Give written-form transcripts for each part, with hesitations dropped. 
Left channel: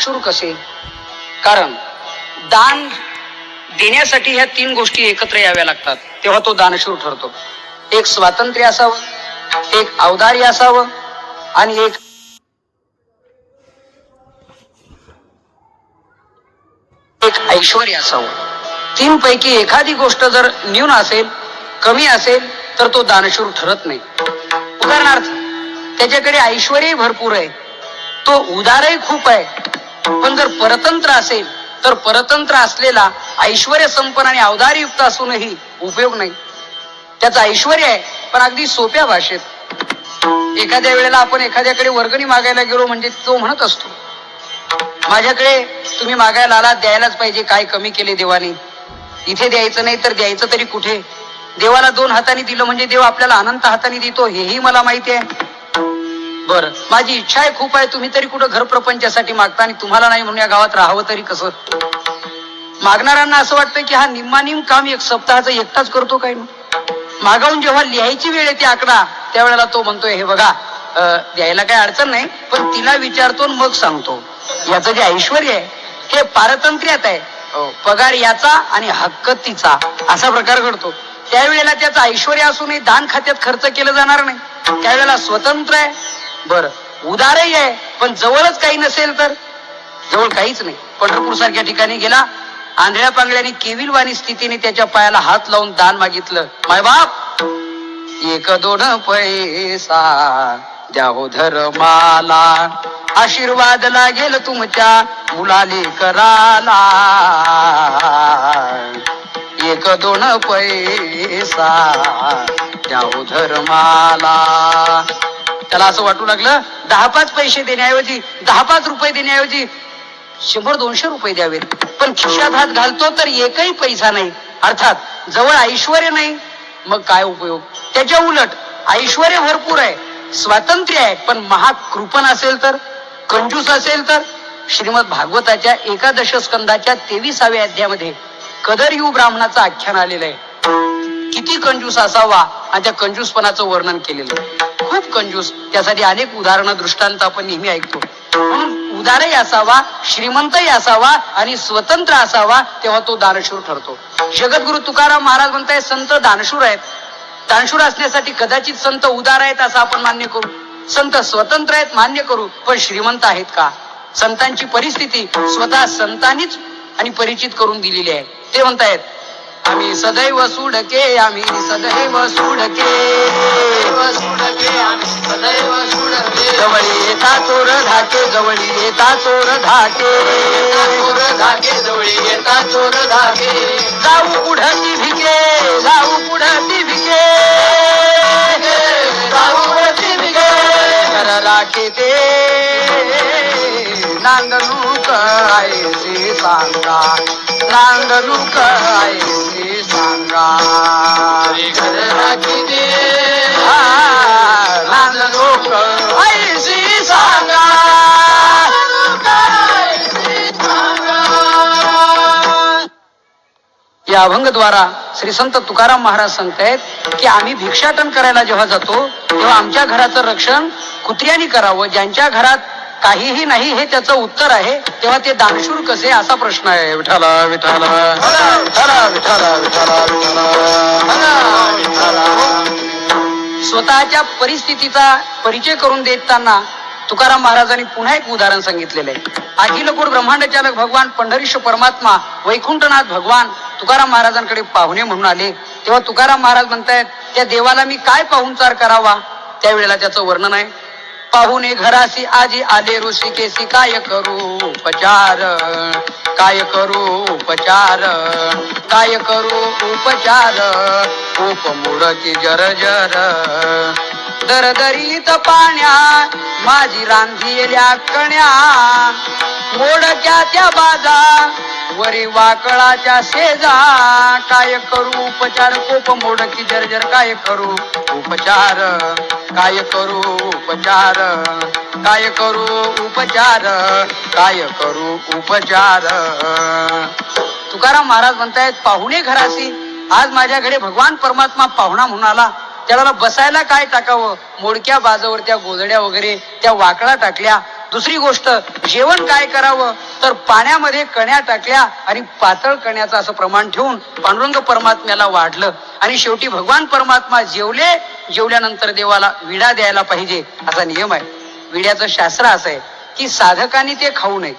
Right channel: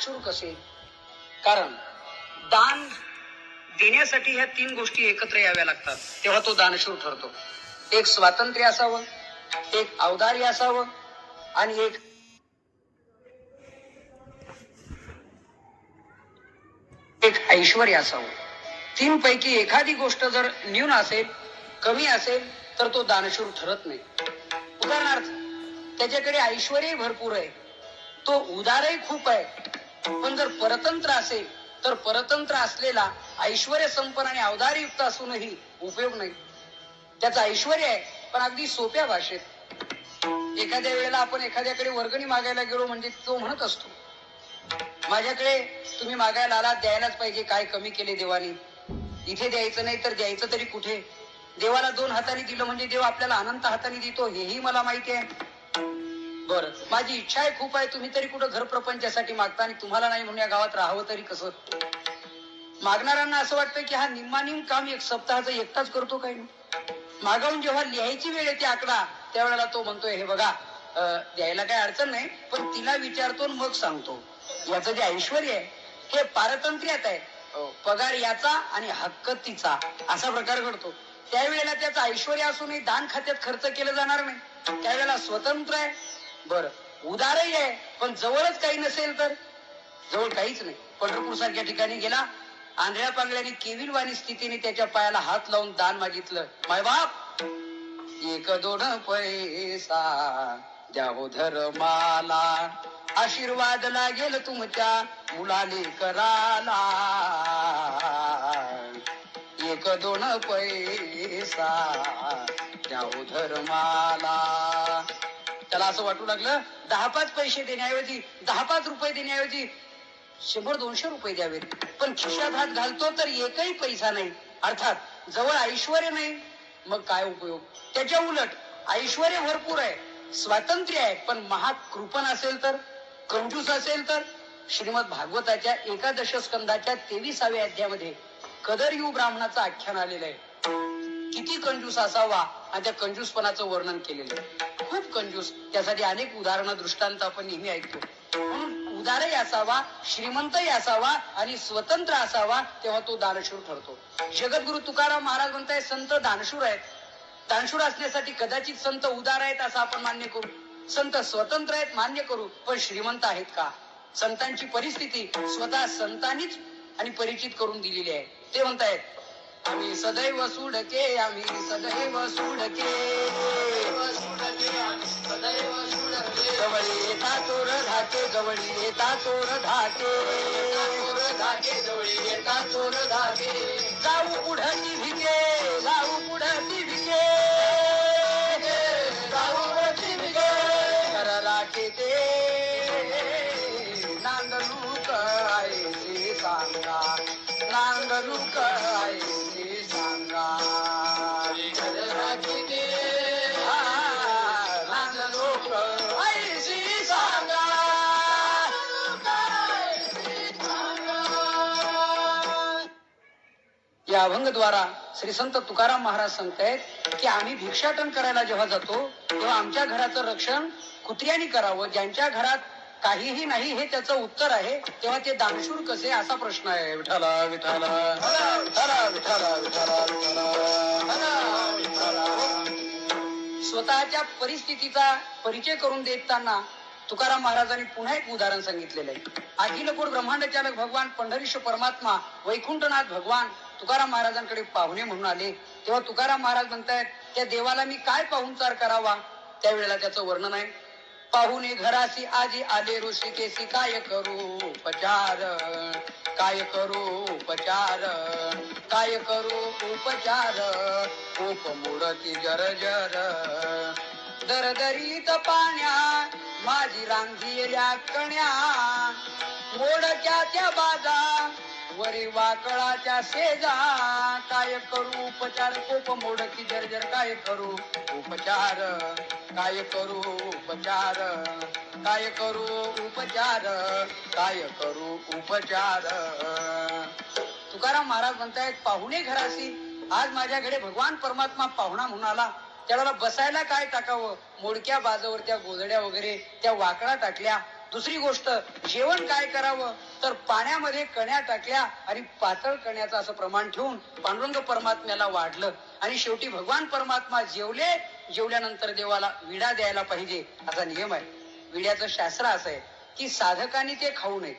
दानशूर कसे? कारण दान देण्यासाठी ह्या तीन गोष्टी एकत्र याव्या लागतात, तेव्हा तो दानशूर ठरतो. एक स्वातंत्र्य असावं, एक औदार्य असावं आणि एक ऐश्वर्य असावं. तीन पैकी एखादी गोष्ट जर न्यून असेल, कमी असेल, तर तो दानशूर ठरत नाही. उदाहरणार्थ, त्याच्याकडे ऐश्वर्य भरपूर आहे, तो उदारही खूप आहे, पण जर परतंत्र असेल तर परतंत्र असलेला ऐश्वर्य संपन्न आणि औदार्ययुक्त असूनही उपयोग नाही. त्याचं ऐश्वर्य आहे पण अगदी सोप्या भाषेत. एखाद्या वेळेला आपण एखाद्याकडे वर्गणी मागायला गेलो म्हणजे तो म्हणत असतो, माझ्याकडे तुम्ही मागायला आला, द्यायलाच पाहिजे, काय कमी केले देवाने? इथे द्यायचं नाही तर द्यायचं तरी कुठे? देवाला दोन हाताने दिलं म्हणजे देव आपल्याला अनंत हाताने देतो, हेही मला माहिती आहे. बरं, माझी इच्छा आहे खूप आहे, तुम्ही तरी कुठं घर प्रपंचासाठी मागता आणि तुम्हाला नाही म्हणून या गावात राहावं तरी कसं? मागणाऱ्यांना असं वाटतं की हा निम्मानिम काम एक सप्ताहाचं एकटाच करतो काय? मागावून जेव्हा लिहायची वेळ येते आकडा, त्यावेळेला तो म्हणतोय, हे बघा, द्यायला काही अडचण नाही, पण तिला विचारतो मग सांगतो. याचं जे ऐश्वर्य आहे हे पारतंत्र्यात आहे. पगार याचा आणि हक्क तिचा, असा प्रकार घडतो. त्यावेळेला त्याचं ऐश्वर्य असूनही दान खात्यात खर्च केलं जाणार नाही. त्यावेळेला स्वतंत्र आहे, बर उदारही आहे, पण जवळच काही नसेल तर? जवळ काहीच नाही. पंढरपूर सारख्या ठिकाणी गेला, आंधळ्या पांगळ्याने केविलवाणी स्थितीने त्याच्या पायाला हात लावून दान मागितलं. माय बाप, एक दोन पैसा द्या हो धर्माला, आशीर्वाद लागेल तुमच्या मुलाले कराला. एक दोन पैसा द्या हो धर्माला. त्याला असं वाटू लागलं, 10-5 पैसे देण्याऐवजी, 10-5 रुपये देण्याऐवजी 100-200 रुपये द्यावेत. पण खिशात हात घालतो तर एकही पैसा नाही. अर्थात जवळ ऐश्वर्य नाही, मग काय उपयोग? त्याच्या उलट ऐश्वर्य भरपूर आहे, स्वातंत्र्य आहे, पण महाकृपण असेल तर, कंजूस असेल तर? श्रीमद भागवताच्या 11 स्कंदाच्या 23व्या अध्यायामध्ये कदरयू ब्राह्मणाचं आख्यान आलेलं आहे. किती कंजूस असावा आणि त्या कंजूसपणाचं वर्णन केलेलं आहे. खूप कंजूस. त्यासाठी अनेक उदाहरणं, दृष्टांत आपण नेहमी ऐकतो. म्हणून उदारही असावा, श्रीमंतही असावा आणि स्वतंत्र असावा, तेव्हा तो दानशूर ठरतो. जगद्गुरु तुकाराम महाराज म्हणताय, संत दानशूर आहेत. दानशूर असण्यासाठी कदाचित संत उदार आहेत असं आपण मान्य करू, संत स्वतंत्र आहेत मान्य करू, पण श्रीमंत आहेत का? संतांची परिस्थिती स्वतः संतांनीच आणि परिचित करून दिलेली आहे. ते म्हणतायत, आम्ही सदैव सुडके, आम्ही सदैव सुडके, जवळी येता चोर धाके, जवळी येता चोर धाके, जवळी येता चोर धाके. जाऊ पुढती भिके, जाऊ पुढती भिके, जाऊ पुढती भिके, कर राखे ते नांदणूक आयसे सांगा, नांदणूक आयसे सांगा. घर राखी दे, नांदणूक आयसे सांगा. या अभंगद्वारा श्री संत तुकाराम महाराज सांगतायत की आम्ही भिक्षाटन करायला जेव्हा जातो तेव्हा आमच्या घराचं रक्षण कुत्र्यानी करावं. ज्यांच्या घरात काहीही नाही हे त्याचं उत्तर आहे, तेव्हा ते दानशूर कसे, असा प्रश्न आहे. विठाला विठाला विठाला विठाला विठाला. स्वतःच्या परिस्थितीचा परिचय करून देताना तुकाराम महाराजांनी पुन्हा एक उदाहरण सांगितलेलं आहे. अखिल कोट ब्रह्मांड चालक भगवान पंढरीश परमात्मा वैकुंठनाथ भगवान तुकाराम महाराजांकडे पाहुणे म्हणून आले. तेव्हा तुकाराम महाराज म्हणतायत, त्या देवाला मी काय पाहुणचार करावा? त्यावेळेला त्याचं वर्णन आहे. पाहुणे घरासी आजी आले ऋषिकेशी, काय करू उपचार, काय करू उपचार, काय करू उपचार. उपमुडकी जर दरदरीत पाण्या, माझी रांधिलेल्या कण्या, मोडक्या त्या बाजा, वरी वाकळाच्या शेजा. काय करू उपचार, कोप मोडकी जर्जर, काय करू उपचार, काय करू उपचार, काय करू उपचार, काय करू उपचार. तुकाराम महाराज म्हणतायत, पाहुणे घरासी, आज माझ्याकडे भगवान परमात्मा पाहुणा म्हणून आला, त्याला बसायला काय टाकावं? मोडक्या बाजावर त्या गोधड्या वगैरे त्या वाकळा टाकल्या, दुसरी गोष्ट, जेवण काय करावं तर पाण्यामध्ये कण्या टाकल्या आणि पातळ कण्याचं असं प्रमाण ठेवून पांडुरंग परमात्म्याला वाढलं आणि शेवटी भगवान परमात्मा जेवले. जेवल्यानंतर देवाला विडा द्यायला पाहिजे असा नियम आहे. विड्याचं शास्त्र असं आहे की साधकांनी ते खाऊ नये,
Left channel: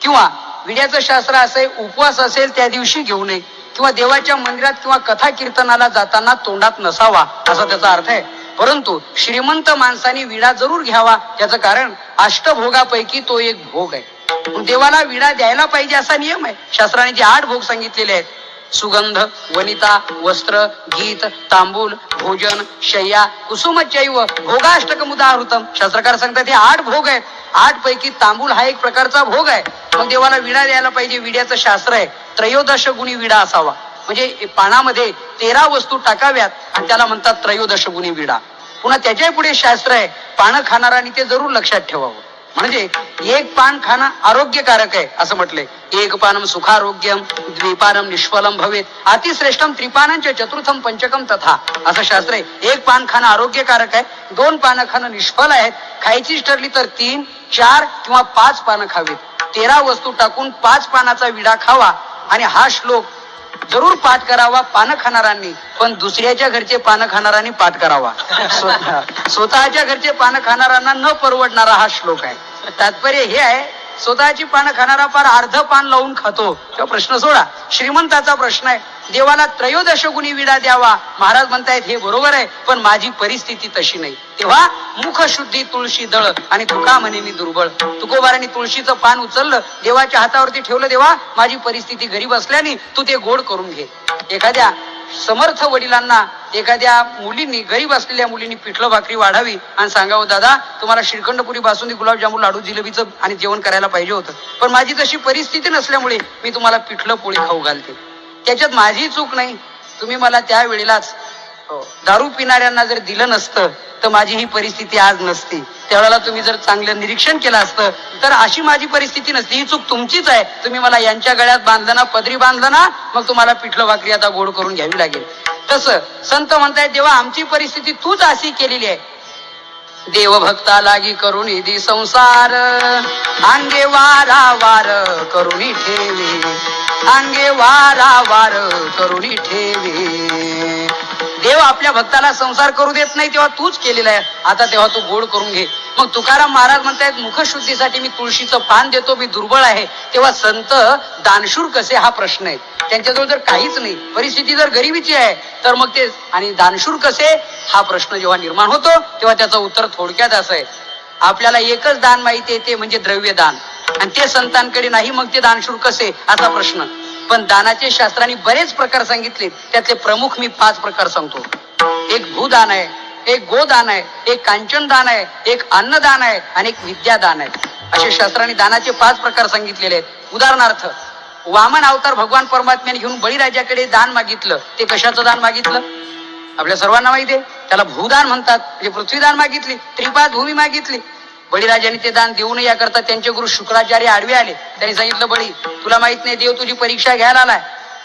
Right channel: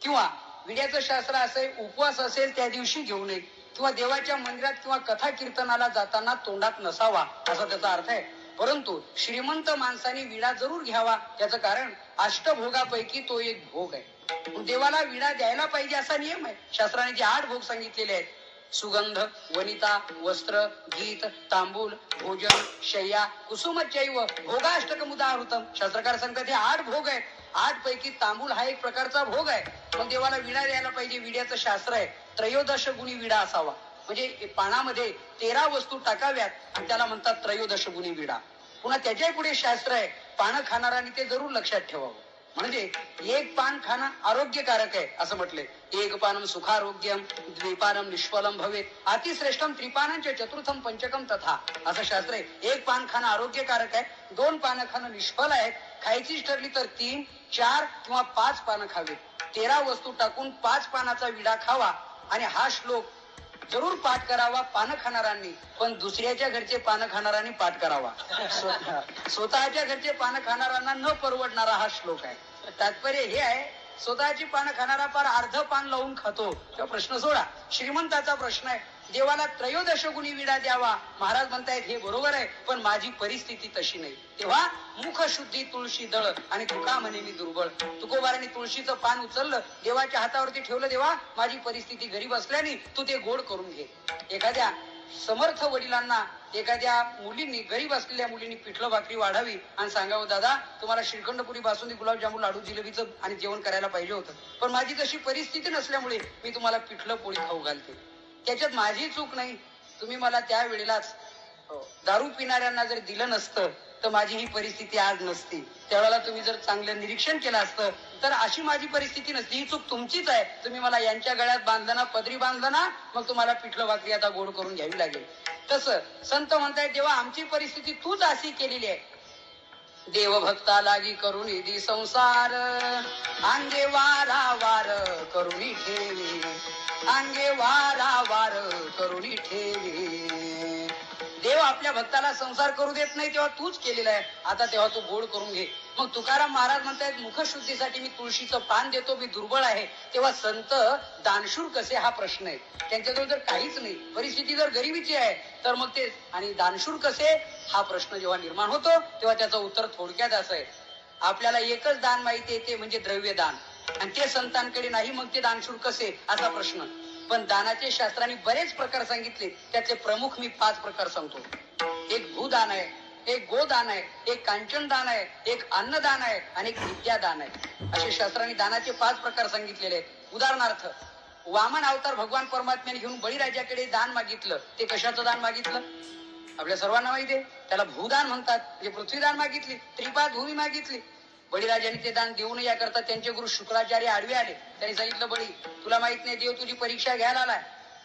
किंवा विड्याचं शास्त्र असं आहे उपवास असेल त्या दिवशी घेऊ नये, किंवा देवाच्या मंदिरात किंवा कथा कीर्तनाला जाताना तोंडात नसावा असा त्याचा अर्थ आहे. परंतु श्रीमंत माणसाने विडा जरूर घ्यावा. त्याचं कारण अष्टभोगापैकी तो एक भोग आहे. देवाला विडा द्यायला पाहिजे असा नियम आहे. शास्त्राने जे 8 भोग सांगितलेले आहेत, सुगंध, वनिता, वस्त्र, गीत, तांबूल, भोजन, शय्या, कुसुमचैव भोगाष्टकम उदाहृतम. शास्त्रकार सांगतात हे 8 भोग आहेत. 8 पैकी तांबूल हा एक प्रकारचा भोग आहे. मग देवाला विडा द्यायला पाहिजे. विड्याचं शास्त्र आहे त्रयोदश गुणी विडा असावा. म्हणजे पानामध्ये 13 वस्तू टाकाव्यात आणि त्याला म्हणतात त्रयोदश गुणी विडा. पुन्हा त्याच्या पुढे शास्त्र आहे पानं खाणारांनी ते जरूर लक्षात ठेवावं. म्हणजे एक पान खाणं आरोग्यकारक आहे असं म्हटलंय. एक पानम सुखारोग्यम, द्विपानम निष्फलम भवेत, अतिश्रेष्ठम त्रिपानंच चतुर्थम पंचकम तथा असं शास्त्र आहे. एक पान खाणं आरोग्यकारक आहे, 2 पानं खाणं निष्फल आहेत. खायचीच ठरली तर 3, 4 किंवा 5 पानं खावीत. 13 वस्तू टाकून 5 पानाचा विडा खावा आणि हा श्लोक जरूर पाठ करावा पानं खाणारांनी. पण दुसऱ्याच्या घरचे पानं खाणारांनी पाठ करावा. स्वतःच्या घरचे पानं खाणाऱ्यांना न परवडणारा हा श्लोक आहे. तात्पर्य हे आहे, स्वतःची पानं खाणारा फार अर्ध पान लावून खातो किंवा प्रश्न सोडा. श्रीमंताचा प्रश्न आहे देवाला त्रयोदश गुणी विडा द्यावा. महाराज म्हणतायत हे बरोबर आहे, पण माझी परिस्थिती तशी नाही. तेव्हा मुख शुद्धी तुळशी दळ आणि तुका म्हणे मी दुर्बळ. तुकोबारांनी तुळशीचं पान उचललं, देवाच्या हातावरती ठेवलं. देवा माझी परिस्थिती गरीब असल्याने तू ते गोड करून घे. एखाद्या समर्थ वडिलांना एखाद्या मुलींनी, गरीब असलेल्या मुलींनी पिठलं भाकरी वाढावी आणि सांगावं दादा तुम्हाला श्रीखंडपुरी, बासुंदी, गुलाबजामुन, लाडू, जिलेबीचं आणि जेवण करायला पाहिजे होतं, पण माझी तशी परिस्थिती नसल्यामुळे मी तुम्हाला पिठलं पोळी खाऊ घालते. त्याच्यात माझी चूक नाही. तुम्ही मला त्या वेळेलाच दारू पिणाऱ्यांना जर दिलं नसतं तर माझी ही परिस्थिती आज नसती. त्यावेळेला तुम्ही जर चांगलं निरीक्षण केलं असतं तर अशी माझी परिस्थिती नसती. ही चूक तुमचीच आहे. तुम्ही मला यांच्या गळ्यात बांधलं ना, पदरी बांधलं ना, मग तुम्हाला पिठलं भाकरी आता गोड करून घ्यावी लागेल. तसं संत म्हणतायत देवा आमची परिस्थिती तूच अशी केलेली आहे. देवभक्ता लागी करुणी दी संसार, अंगे वारा वार करुणी ठेवी, अंगे वारा वार करुणी ठेवी. देव आपल्या भक्ताला संसार करू देत नाही, तेव्हा तूच केलेला आहे. आता तेव्हा तू गोड करून घे. मग तुकाराम महाराज म्हणतायत मुखशुद्धीसाठी मी तुळशीचं पान देतो, मी दुर्बळ आहे. तेव्हा संत दानशूर कसे हा प्रश्न आहे. त्यांच्याजवळ जर काहीच नाही, परिस्थिती जर गरिबीची आहे तर मग ते आणि दानशूर कसे हा प्रश्न जेव्हा निर्माण होतो तेव्हा त्याचं उत्तर थोडक्यात असं आहे, आपल्याला एकच दान माहिती आहे ते म्हणजे द्रव्य दान, आणि ते संतांकडे नाही, मग ते दानशूर कसे असा प्रश्न. पण दानाचे शास्त्रांनी बरेच प्रकार सांगितले. त्यातले प्रमुख मी 5 प्रकार सांगतो. एक भूदान आहे, एक गोदान आहे, एक कांचन दान आहे, एक अन्नदान आहे आणि एक विद्यादान आहे. असे शास्त्रांनी दानाचे 5 प्रकार सांगितलेले आहेत. उदाहरणार्थ वामन अवतार भगवान परमात्म्याने घेऊन बळीराजाकडे दान मागितलं. ते कशाचं दान मागितलं आपल्या सर्वांना माहिती आहे. त्याला भूदान म्हणतात. म्हणजे पृथ्वीदान मागितली, त्रिपाद भूमी मागितली. बळीराजाने ते दान देऊ नये याकरता त्यांचे गुरु शुक्राचार्य आडवे आले. त्यांनी सांगितलं बळी तुला माहित नाही, देव तुझी परीक्षा घ्यायला आलाय.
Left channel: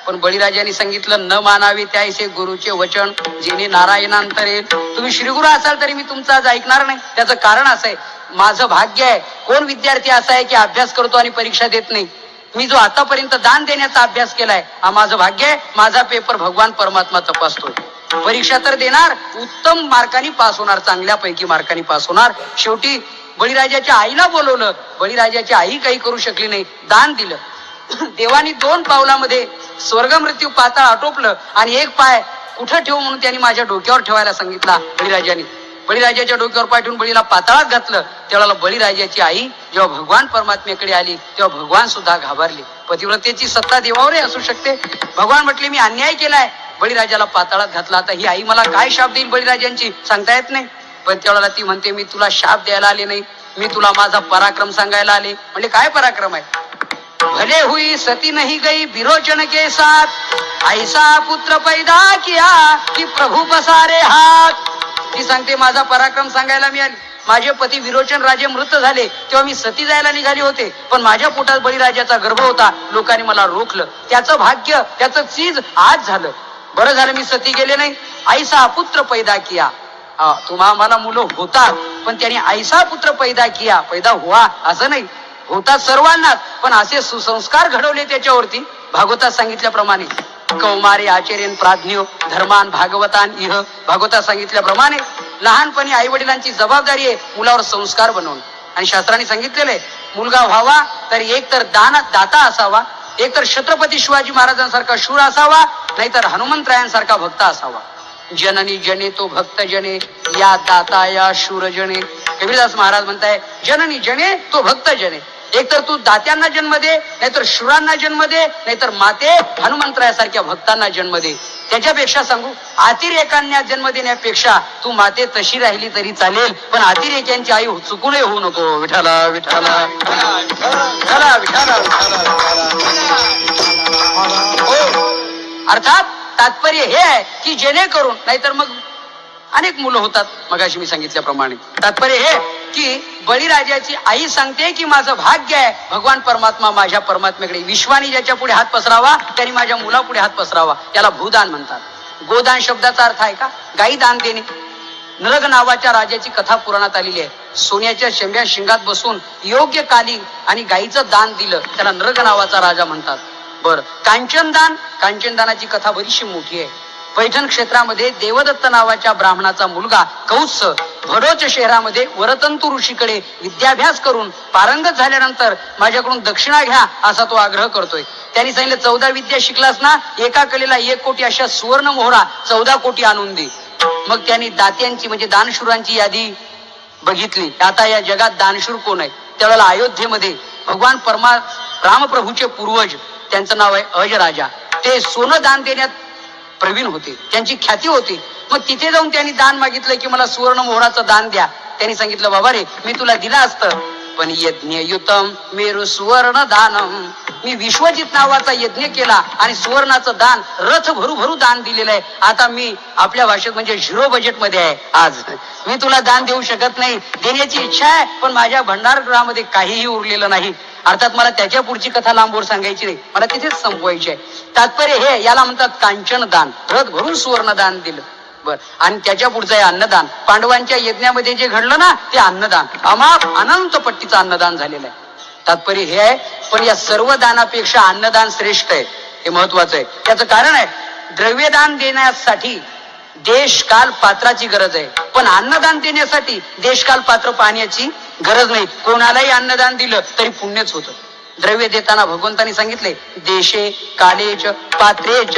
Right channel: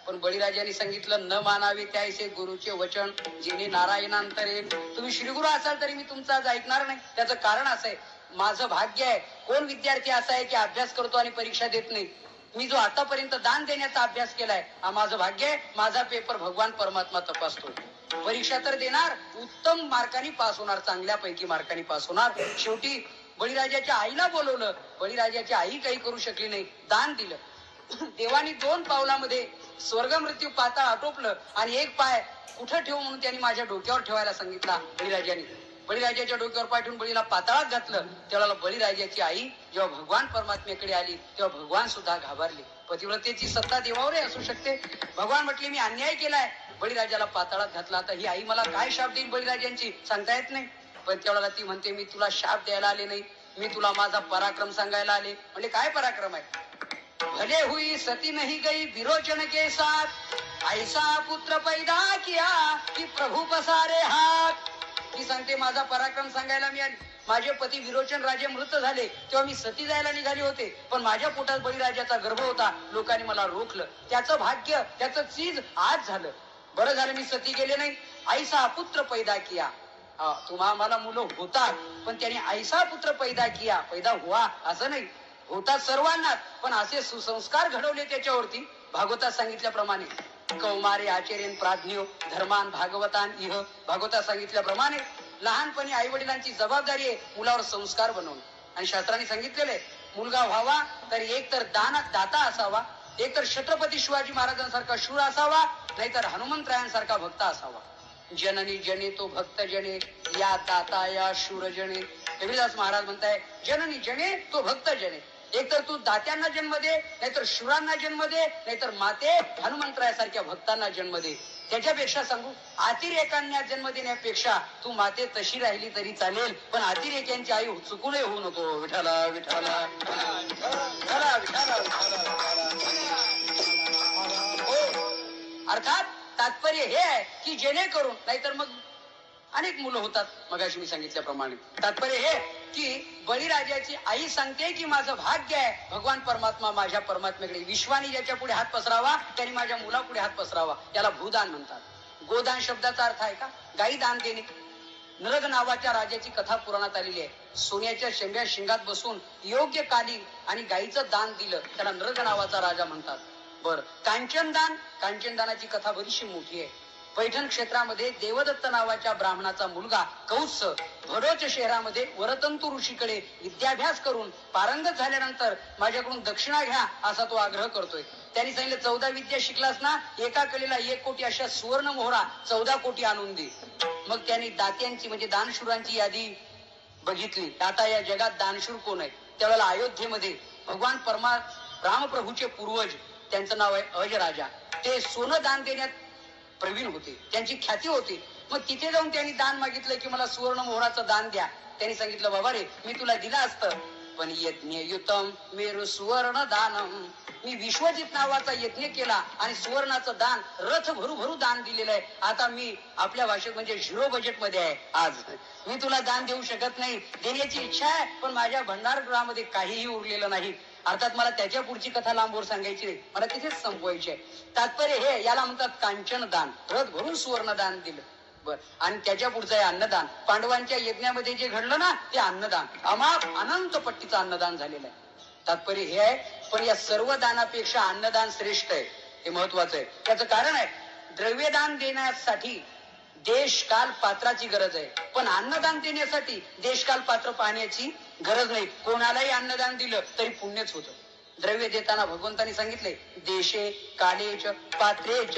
पण बळीराजाने सांगितलं न मानावे त्याऐसे गुरुचे वचन जेणे नारायणांतरे. तुम्ही श्रीगुरु असाल तरी मी तुमचं आज ऐकणार नाही. त्याचं कारण असं आहे, माझं भाग्य आहे. कोण विद्यार्थी असा आहे की अभ्यास करतो आणि परीक्षा देत नाही. मी जो आतापर्यंत दान देण्याचा अभ्यास केलाय हा माझं भाग्य आहे. माझा पेपर भगवान परमात्मा तपासतोय. परीक्षा तर देणार, उत्तम मार्कांनी पास होणार, चांगल्यापैकी मार्कांनी पास होणार. शेवटी बळीराजाच्या आईला बोलवलं. बळीराजाची आई काही करू शकली नाही, दान दिलं. देवानी 2 पावलामध्ये स्वर्ग मृत्यू पाताळ आटोपलं आणि एक पाय कुठं ठेवू म्हणून त्यांनी माझ्या डोक्यावर ठेवायला सांगितला बळीराजाने. बळीराजाच्या डोक्यावर पाय ठेवून बळीला पाताळात घातलं. त्यावेळेला बळीराजाची आई जेव्हा भगवान परमात्म्याकडे आली तेव्हा भगवान सुद्धा घाबरले. पतिव्रतेची सत्ता देवावरही असू शकते. भगवान म्हटले मी अन्याय केलाय, बळीराजाला पाताळात घातला. आता ही आई मला काय शाप देईल बळीराजांची सांगता येत नाही. पण त्यावेळेला ती म्हणते मी तुला शाप द्यायला आले नाही, मी तुला माझा पराक्रम सांगायला आले. म्हणजे काय पराक्रम आहे. भले हुई सती नहीं गई विरोचन के साथ, ऐसा पुत्र पैदा किया की प्रभु पसारे हात. ती सांगते माझा पराक्रम सांगायला मी आली. माझे पती विरोचन राजे मृत झाले तेव्हा मी सती जायला निघाली होते, पण माझ्या पोटात बळीराजाचा गर्भ होता, लोकांनी मला रोखलं. त्याचं भाग्य, त्याचं चीज आज झालं. बरं झालं मी सती गेले नाही. ऐसा पुत्र पैदा किया. तुम्हा मला मुलं होतात पण त्यांनी ऐसा पुत्र पैदा हुआ असं नाही, होतात सर्वांनाच, पण असे सुसंस्कार घडवले त्याच्यावरती. भागवतात सांगितल्याप्रमाणे कौमारे आचर्यन प्राज्ञो धर्मान भागवतान इह, भागवतात सांगितल्याप्रमाणे लहानपणी आई वडिलांची जबाबदारी आहे मुलावर संस्कार बनवणं. आणि शास्त्रांनी सांगितलेलं आहे मुलगा व्हावा तर एक तर दाता असावा, एक तर छत्रपती शिवाजी महाराजांसारखा शूर असावा, नाहीतर हनुमंतरायांसारखा भक्त असावा. जननी जने तो भक्त जने, या दाता या शूर जने. कबीरदास महाराज म्हणताय जननी जने तो भक्त जने, एक तर तू दात्यांना जन्म दे, नाहीतर शूरांना जन्म दे, नाहीतर माते हनुमंतरायासारख्या भक्तांना जन्म दे. त्याच्यापेक्षा सांगू, अतिरेकांना जन्म देण्यापेक्षा तू माते तशी राहिली तरी चालेल, पण अतिरेक्यांची आई चुकूनही होऊ नको. विठाला विठाला विठाला विठाला. अर्थात तात्पर्य हे आहे की जेणेकरून, नाहीतर मग अनेक मुलं होतात मगाशी मी सांगितल्याप्रमाणे. तात्पर्य हे की बळीराजाची आई सांगते की माझं भाग्य आहे भगवान परमात्मा माझ्या परमात्म्याकडे, विश्वानी ज्याच्या पुढे हात पसरावा त्यांनी माझ्या मुलापुढे हात पसरावा. याला भूदान म्हणतात. गोदान शब्दाचा अर्थ आहे का गायी दान देणे. नरग नावाच्या राजाची कथा पुराणात आलेली आहे. सोन्याच्या शेंब्या शिंगात बसून योग्य काली आणि गायीचं दान दिलं त्याला नरग नावाचा राजा म्हणतात. बर, कांचनदान, कांचनदानाची कथा बरीचशी मोठी आहे. पैठण क्षेत्रामध्ये देवदत्त नावाच्या ब्राह्मणाचा मुलगा कौत्स भडोच शहरामध्ये वरतंतू ऋषीकडे विद्याभ्यास करून पारंगत झाल्यानंतर माझ्याकडून दक्षिणा घ्या असा तो आग्रह करतोय. त्यांनी सांगितलं 14 विद्या शिकलास ना, एका कलेला 1 कोटी अशा सुवर्ण मोहरा 14 कोटी आणून दे. मग त्यांनी दात्यांची म्हणजे दानशूरांची यादी बघितली. आता या जगात दानशूर कोण आहे? त्यावेळेला अयोध्येमध्ये भगवान रामप्रभूचे पूर्वज, त्यांचं नाव आहे अजराजा, ते सोनं दान देण्यात प्रवीण होते, त्यांची ख्याती होती. मग तिथे जाऊन त्यांनी दान मागितलं की मला सुवर्ण मोहराचं दान द्या. त्यांनी सांगितलं बाबा रे मी तुला दिलं असतं, पण यज्ञ युतम मेरु सुवर्ण दानम, मी विश्वजित नावाचा यज्ञ केला आणि सुवर्णाचं दान रथ भरू भरू दान दिलेलं आहे. आता मी आपल्या भाषेत म्हणजे 0 बजेट मध्ये आहे. आज मी तुला दान देऊ शकत नाही. देण्याची इच्छा आहे पण माझ्या भंडारगृहामध्ये काहीही उरलेलं नाही. अर्थात मला त्याच्या पुढची कथा लांबवर सांगायची नाही, मला तिथेच संपवायची आहे. तात्पर्य हे, याला म्हणतात कांचन दान, रथ भरून सुवर्ण दान दिलं. बर, आणि त्याच्या पुढचं आहे अन्नदान. पांडवांच्या यज्ञामध्ये जे घडलं ना ते अन्नदान, अमाप अनंत पट्टीचं अन्नदान झालेलं आहे. तात्पर्य हे आहे, पण या सर्व दानापेक्षा अन्नदान श्रेष्ठ आहे, हे महत्वाचं आहे. त्याचं कारण आहे द्रव्यदान देण्यासाठी देशकाल पात्राची गरज आहे, पण अन्नदान देण्यासाठी देशकाल पात्र पाहण्याची गरज नाही. कोणालाही अन्नदान दिलं तरी पुण्यच होतं. द्रव्य देताना भगवंतांनी सांगितले देशे कालेच पात्रेच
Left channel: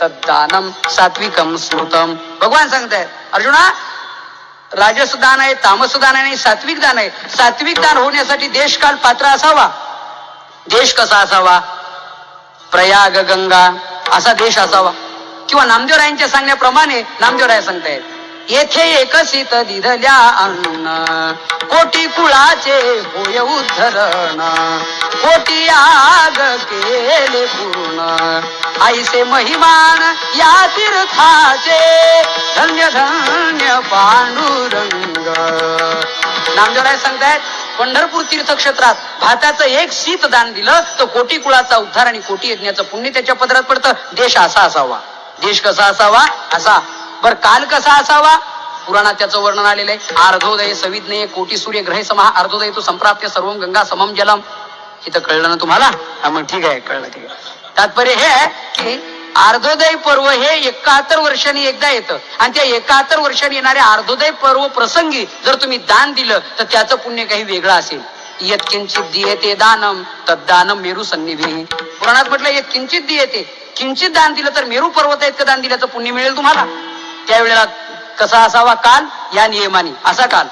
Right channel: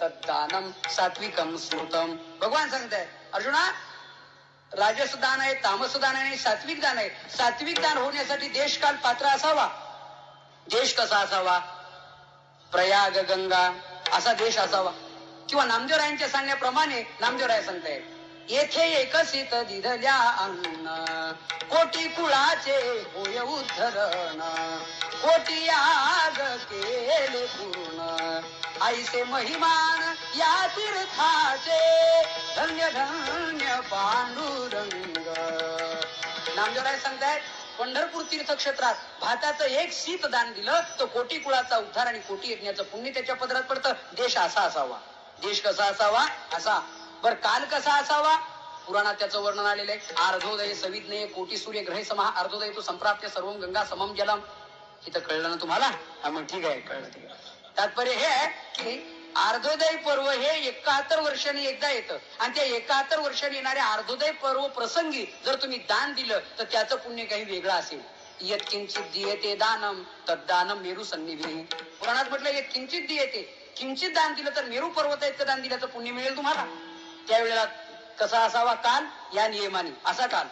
तद्दानम सात्विकम स्मृतम. भगवान सांगतायत अर्जुना, राजस दान आहे, तामस दान आहे आणि सात्विक दान आहे. सात्विक दान होण्यासाठी देशकाल पात्र असावा. देश कसा असावा? प्रयाग गंगा असा देश असावा. किंवा नामदेवरायांच्या सांगण्याप्रमाणे नामदेवराय सांगतायत येथे एकसित दिधल्या अन्न, कोटी कुळाचे होय उद्धरण, कोटी याग केले पूर्ण, ऐसे महिमान या तीर्थाचे, धन्य धन्य पांडुरंग. नामदेवराय सांगतायत पंढरपूर तीर्थक्षेत्रात भाताचं 1 शीत दान दिलं तर कोटी कुळाचा उद्धार आणि कोटी यज्ञाचं पुण्य त्याच्या पदरात पडतं. देश असा असावा. देश कसा असावा? असा. बर, काल कसा असावा? पुराणात त्याचं वर्णन आलेलं आहे. अर्धोदय सविज्ञे कोटी सूर्य ग्रहे समाह, अर्धोदय तो संप्राप्य सर्वम गंगा समम जलम. इथं कळलं ना तुम्हाला? मग ठीक आहे, कळलं, ठीक आहे. तात्पर्य हे आहे की अर्धोदय पर्व हे 71 वर्षांनी एकदा येतं आणि त्या 71 वर्षांनी येणाऱ्या अर्धोदय पर्व प्रसंगी जर तुम्ही दान दिलं तर त्याचं पुण्य काही वेगळं असेल. यत्किंचित दीयते दानम तद्दानम मेरू सन्निधी. पुराणात म्हटलं यत्किंचित दीयते, किंचित दान दिलं तर मेरू पर्वत इतकं दान दिल्याचं पुण्य मिळेल तुम्हाला. त्यावेळेला कसा असावा काल? या नियमाने असा काल.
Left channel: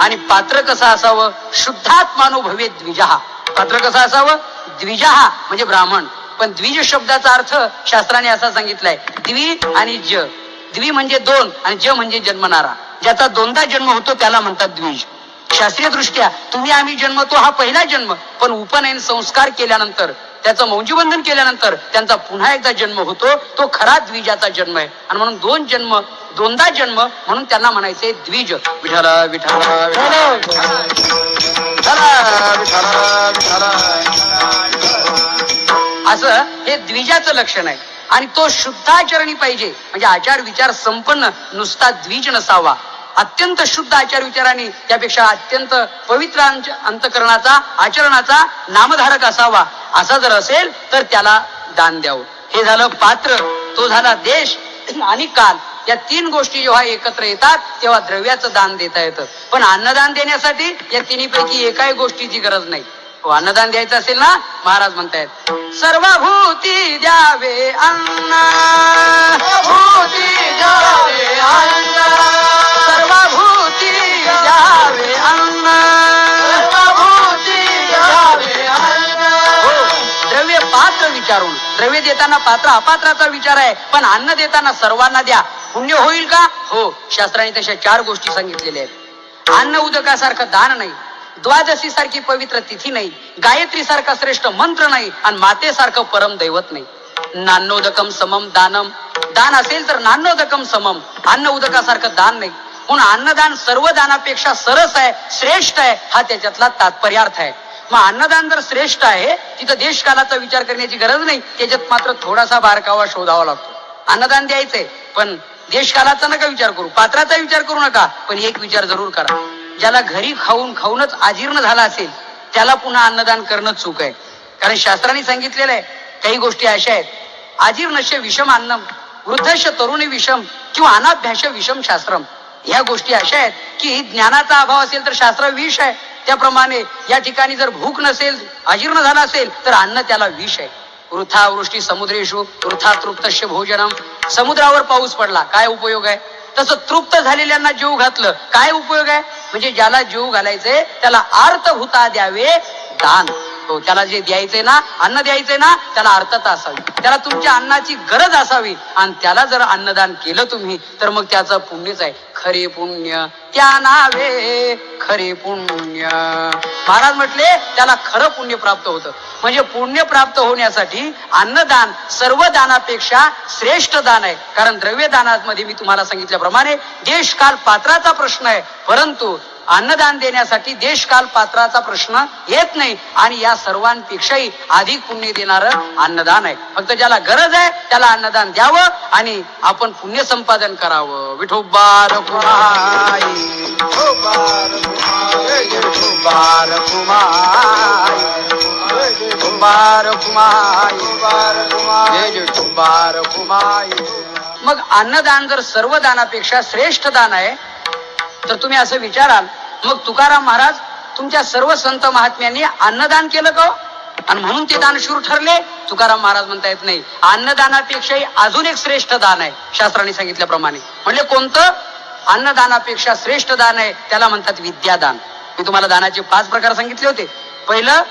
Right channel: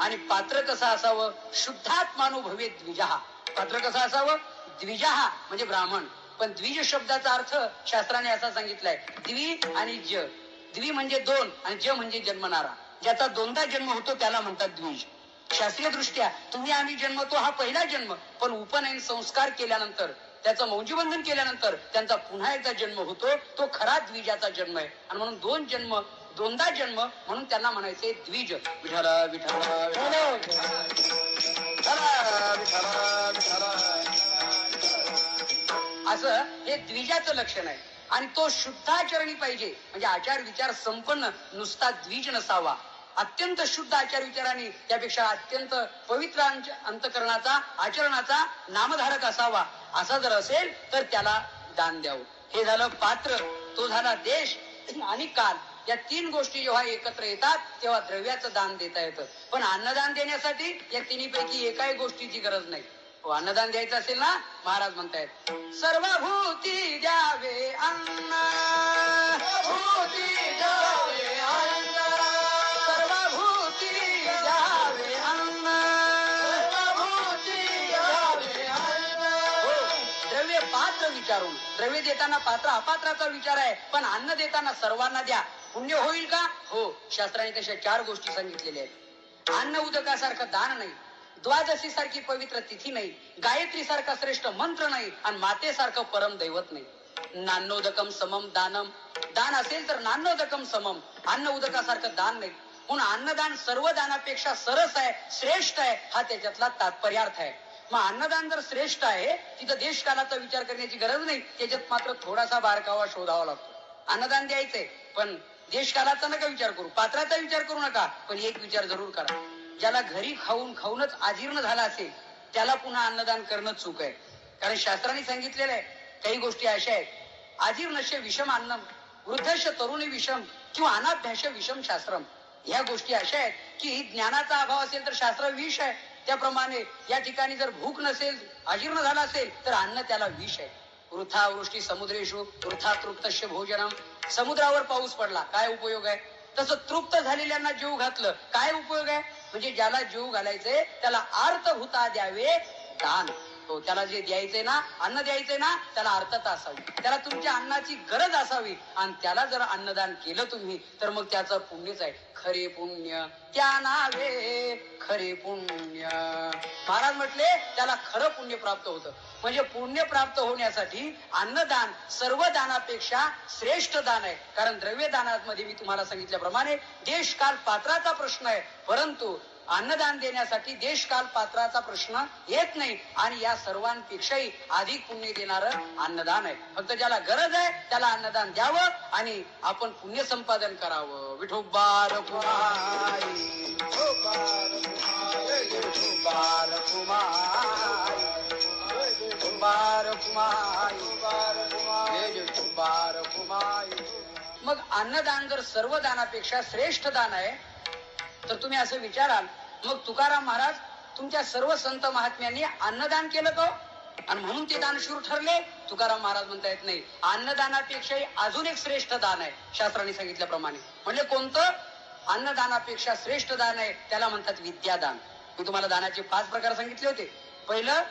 आणि पात्र कसं असावं? शुद्धात्मानो भवे द्विजहा. पात्र कसं असावं? द्विजहा म्हणजे ब्राह्मण. पण द्विज शब्दाचा अर्थ शास्त्राने असा सांगितलाय द्वि आणि ज. द्वि म्हणजे 2 आणि ज म्हणजे जन्मणारा. ज्याचा 2दा जन्म होतो त्याला म्हणतात द्विज. शास्त्रीय दृष्ट्या तुम्ही आम्ही जन्मतो हा पहिला जन्म, पण उपनयन संस्कार केल्यानंतर त्याचं मौंजीबंधन केल्यानंतर त्यांचा पुन्हा एकदा जन्म होतो, तो खरा द्विजाचा जन्म आहे. आणि म्हणून 2 जन्म 2दा जन्म म्हणून त्यांना म्हणायचे द्विज. विठला विठला असं हे द्विजाचं लक्षण आहे. आणि तो शुद्धाचरणी पाहिजे, म्हणजे आचार विचार संपन्न, नुसता द्विज नसावा. अत्यंत शुद्ध आचार विचाराने, त्यापेक्षा अत्यंत पवित्र अंतकरणाचा, आचरणाचा नामधारक असावा. असा जर असेल तर त्याला दान द्यावं. हे झालं पात्र, तो झाला देश आणि काल. या तीन गोष्टी जेव्हा एकत्र येतात तेव्हा द्रव्याचं दान देता येतं. पण अन्नदान देण्यासाठी या तिन्हीपैकी एकाही गोष्टीची गरज नाही. अन्नदान द्यायचं असेल ना, महाराज म्हणतायत सर्वभूती द्यावे अन्न, भूती द्यावे अन्न, सर्वभूती द्यावे अन्न, सर्वभूती द्यावे अन्न. द्रव्य पात्र विचारून, द्रव्य देताना पात्र अपात्राचा विचार आहे, पण अन्न देताना सर्वांना द्या. पुण्य होईल का? हो. शास्त्राने तशा 4 गोष्टी सांगितलेल्या आहेत. अन्न उदकासारखं दान नाही, द्वादशी सारखी पवित्र तिथी नाही, गायत्री सारखा श्रेष्ठ मंत्र नाही, आणि मातेसारखं परम दैवत नाही. नान्नोदकम समम दानम, दान असेल तर नान्नोदकम समम, अन्न उदकासारखं दान नाही. म्हणून अन्नदान सर्व दानापेक्षा सरस आहे, श्रेष्ठ आहे, हा त्याच्यातला तात्पर्यार्थ आहे. मग अन्नदान जर श्रेष्ठ आहे, तिथं देशकालाचा विचार करण्याची गरज नाही. त्याच्यात मात्र थोडासा बारकावा शोधावा लागतो. अन्नदान द्यायचंय, पण देशकालाचा नका विचार करू, पात्राचा विचार करू नका, पण एक विचार जरूर करा. ज्याला घरी खाऊनच अजीर्ण झाला असेल त्याला पुन्हा अन्नदान करणं चूक आहे. कारण शास्त्राने सांगितलेलं आहे, काही गोष्टी अशा आहेत, अजीर्णस्य विषम अन्नम, वृद्धस्य तरुणी विषम किंवा अनाभ्यास विषम शास्त्रम. ह्या गोष्टी अशा आहेत की ज्ञानाचा अभाव असेल तर शास्त्र विष आहे. त्याप्रमाणे या ठिकाणी जर भूक नसेल, अजीर्ण झाला असेल तर अन्न त्याला विष आहे. वृथा वृष्टी समुद्रेषु वृथा तृप्तस्य भोजनम, समुद्रावर पाऊस पडला काय उपयोग आहे? तसं तृप्त झालेल्यांना जीव घातलं काय उपयोग आहे? म्हणजे ज्याला जीव घालायचे त्याला अर्थभूता द्यावे दान. हो, त्याला जे द्यायचंय ना, अन्न द्यायचंय ना, त्याला अर्थता असावी, त्याला तुमच्या अन्नाची गरज असावी, आणि त्याला जर अन्नदान केलं तुम्ही तर मग त्याचं पुण्यच आहे. खरे पुण्य त्या नावे खरे पुण्य. महाराज म्हटले त्याला खरं पुण्य प्राप्त होतं. म्हणजे पुण्य प्राप्त होण्यासाठी अन्नदान सर्व दानापेक्षा श्रेष्ठ दान आहे. कारण द्रव्य दानामध्ये मी तुम्हाला सांगितल्याप्रमाणे देशकाल पात्राचा प्रश्न आहे, परंतु अन्नदान देण्यासाठी देशकाल पात्राचा प्रश्न येत नाही. आणि या सर्वांपेक्षाही अधिक पुण्य देणारं अन्नदान आहे. फक्त ज्याला गरज आहे त्याला अन्नदान द्यावं आणि आपण पुण्य संपादन करावं. विठोबा रखुमाई, विठोबा रखुमाई, विठोबा रखुमाई, विठोबा रखुमाई. मग अन्नदान जर सर्व दानापेक्षा श्रेष्ठ दान आहे तर तुम्ही असं विचाराल, मग तुकाराम महाराज तुमच्या सर्व संत महात्म्यांनी अन्नदान केलं का आणि म्हणून ते दानशूर ठरले? तुकाराम महाराज म्हणता येत नाही. अन्नदानापेक्षाही अजून एक श्रेष्ठ दान आहे शास्त्राने सांगितल्याप्रमाणे. म्हणजे कोणतं? अन्नदानापेक्षा श्रेष्ठ दान आहे, त्याला म्हणतात विद्यादान. मी तुम्हाला दानाचे 5 प्रकार सांगितले होते. पहिलं